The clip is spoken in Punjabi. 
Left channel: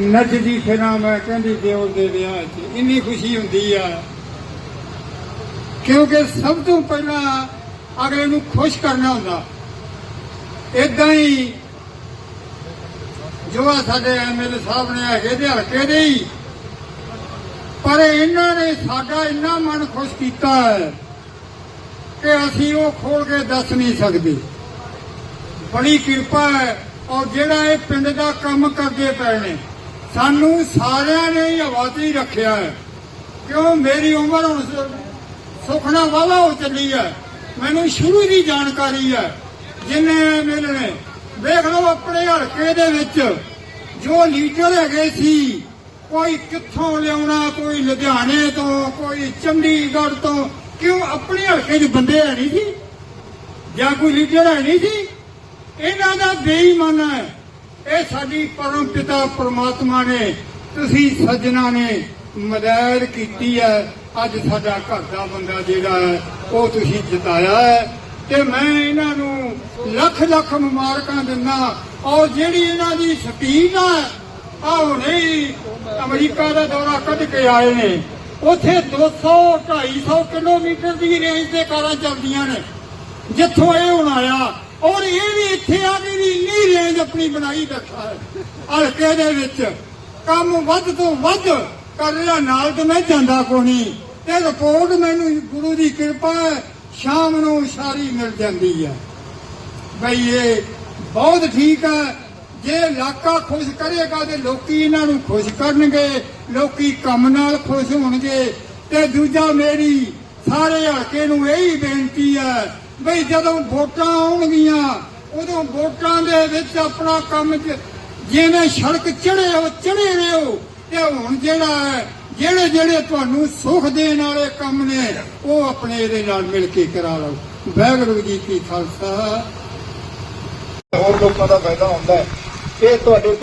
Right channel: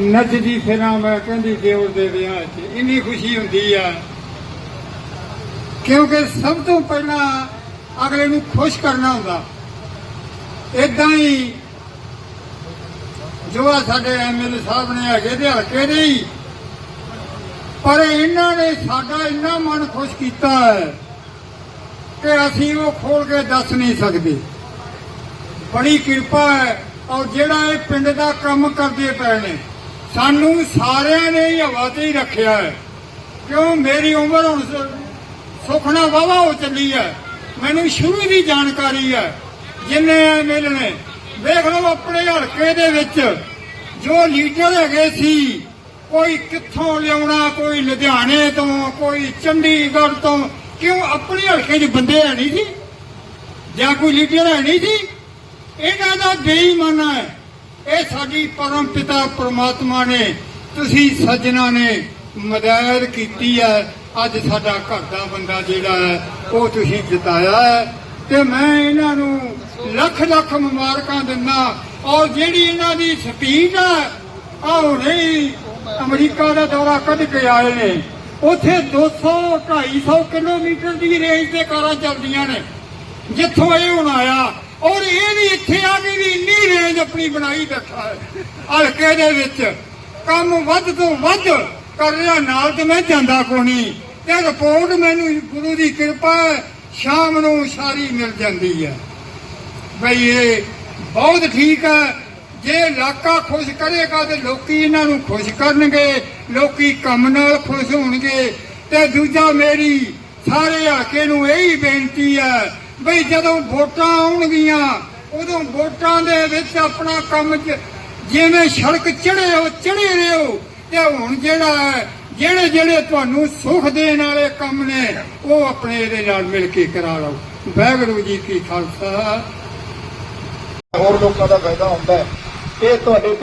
ਨੱਚਦੀ ਫਿਰਾਂ ਮੈਂ, ਕਹਿੰਦੀ ਦਿਓਰ ਦੇ ਵਿਆਹ 'ਚ। ਇੰਨੀ ਖੁਸ਼ੀ ਹੁੰਦੀ ਆ। ਕਿਉਂਕਿ ਸਭ ਤੋਂ ਪਹਿਲਾਂ ਅਗਲੇ ਨੂੰ ਖੁਸ਼ ਕਰਨਾ ਹੁੰਦਾ। ਇਦਾਂ ਹੀ ਜੋ ਆ ਸਾਡੇ ਐਮਐਲਏ ਸਾਹਿਬ ਨੇ ਹੈਗੇ ਦੇ ਹਲਕੇ ਦੇ ਹੀ। ਪਰ ਇਹਨਾਂ ਨੇ ਸਾਡਾ ਇੰਨਾ ਮਨ ਖੁਸ਼ ਕੀਤਾ ਹੈ ਕਿ ਅਸੀਂ ਉਹ ਖੋਲ ਕੇ ਦੱਸ ਨਹੀਂ ਸਕਦੇ। ਬੜੀ ਕਿਰਪਾ ਹੈ। ਔਰ ਜਿਹੜਾ ਇਹ ਪਿੰਡ ਦਾ ਕੰਮ ਕਰਦੇ ਪਏ ਨੇ ਸਾਨੂੰ ਸਾਰਿਆਂ ਨੇ ਹੀ ਹਵਾ ਤੇ ਹੀ ਰੱਖਿਆ ਹੈ। ਕਿਉਂ? ਮੇਰੀ ਉਮਰ ਹੁਣ ਸ- ਸੁਖਣਾ ਵਾਵਾ ਹੋ ਚੱਲੀ ਹੈ। ਮੈਨੂੰ ਸ਼ੁਰੂ ਦੀ ਜਾਣਕਾਰੀ ਹੈ। ਜਿੰਨੇ ਐਮਐਲਏ ਨੇ ਦੇਖ ਲਓ ਆਪਣੇ ਹਲਕੇ ਦੇ ਵਿੱਚ ਜੋ ਲੀਡਰ ਹੈਗੇ ਸੀ, ਕੋਈ ਕਿੱਥੋਂ ਲਿਆਉਣਾ, ਕੋਈ ਲੁਧਿਆਣੇ ਤੋਂ, ਕੋਈ ਚੰਡੀਗੜ੍ਹ ਤੋਂ, ਕਿਉਂ ਆਪਣੇ ਹਲਕੇ 'ਚ ਬੰਦੇ ਹੈ ਨਹੀਂ ਸੀ? ਜਾਂ ਕੋਈ ਲੀਡਰ ਹੈ ਨਹੀਂ ਸੀ? ਇਹਨਾਂ ਦਾ ਬੇਈਮਾਨਾ ਹੈ। ਇਹ ਸਾਡੀ ਪਰਮ ਪਿਤਾ ਪ੍ਰਮਾਤਮਾ ਨੇ, ਤੁਸੀਂ ਸੱਜਣਾ ਨੇ ਮਦਦ ਕੀਤੀ ਹੈ। ਅੱਜ ਸਾਡਾ ਘਰ ਦਾ ਬੰਦਾ ਜਿਹੜਾ ਹੈ, ਉਹ ਤੁਸੀਂ ਜਿਤਾਇਆ ਹੈ। ਤੇ ਮੈਂ ਇਹਨਾਂ ਨੂੰ ਲੱਖ ਲੱਖ ਮੁਬਾਰਕਾਂ ਦਿੰਦਾ ਔਰ ਜਿਹੜੀ ਇਹਨਾਂ ਦੀ ਸਪੀਡ ਆ ਆ ਹੁਣੇ ਅਮਰੀਕਾ ਦਾ ਦੌਰਾ ਕੱਢ ਕੇ ਆਏ ਨੇ। ਉੱਥੇ 200 250 ਕਿਲੋਮੀਟਰ ਦੀ ਰੇਂਜ ਤੇ ਕਾਰਾਂ ਚੱਲਦੀਆਂ ਨੇ। ਜਿੱਥੋਂ ਇਹ ਹੁਣ ਆਇਆ ਔਰ ਇਹ ਵੀ ਇੱਥੇ ਆ ਕੇ ਵੀ ਇੰਨੀ ਰੇਂਜ ਆਪਣੀ ਬਣਾਈ ਬੈਠਾ ਹੈ। ਹਲਕੇ ਦੇ ਵਿੱਚ ਕੰਮ ਵੱਧ ਤੋਂ ਵੱਧ ਕਰ ਰਿਹਾ, ਨਾਲ ਤੇ ਮੈਂ ਜਾਂਦਾ ਕੋਈ ਤੇ ਰਿਪੋਰਟ ਮੈਨੂੰ ਗੁਰੂ ਦੀ ਕਿਰਪਾ ਸ਼ਾਮ ਨੂੰ ਸਾਰੀ ਮਿਲ ਜਾਂਦੀ ਹੈ। ਬਈ ਇਹ ਬਹੁਤ ਠੀਕ ਹੈ। ਜੇ ਇਲਾਕਾ ਖੁਸ਼ ਕਰੇਗਾ ਤੇ ਲੋਕੀ ਇਹਨਾਂ ਨੂੰ ਖੁਸ਼ ਕਰਨਗੇ, ਲੋਕੀ ਕੰਮ ਨਾਲ ਖੁਸ਼ ਹੋਣਗੇ। ਤੇ ਦੂਜਾ ਮੇਰੀ ਸਾਰੇ ਹਲਕੇ ਨੂੰ ਇਹੀ ਬੇਨਤੀ ਹੈ ਬਈ ਜਦੋਂ ਵੋਟਾਂ ਆਉਣਗੀਆਂ, ਉਦੋਂ ਵੋਟਾਂ ਦੇ ਵਿੱਚ ਆਪਣਾ ਕੰਮ ਜਿਵੇਂ ਸੜਕ ਚੜੇ ਹੋ ਚੜੇ ਰਹੋ, ਤੇ ਹੁਣ ਜਿਹੜਾ ਹੈ, ਜਿਹੜੇ ਜਿਹੜੇ ਤੁਹਾਨੂੰ ਸੁਖ ਦੇਣ ਵਾਲੇ ਕੰਮ ਨੇ, ਉਹ ਆਪਣੇ ਇਹਦੇ ਨਾਲ ਮਿਲ ਕੇ ਕਰਾ ਲਓ। ਵਾਹਿਗੁਰੂ ਜੀ ਕੀ ਖਾਲਸਾ। ਹੋਰ ਲੋਕਾਂ ਦਾ ਫਾਇਦਾ ਹੁੰਦਾ ਇਹ ਤੁਹਾਡੇ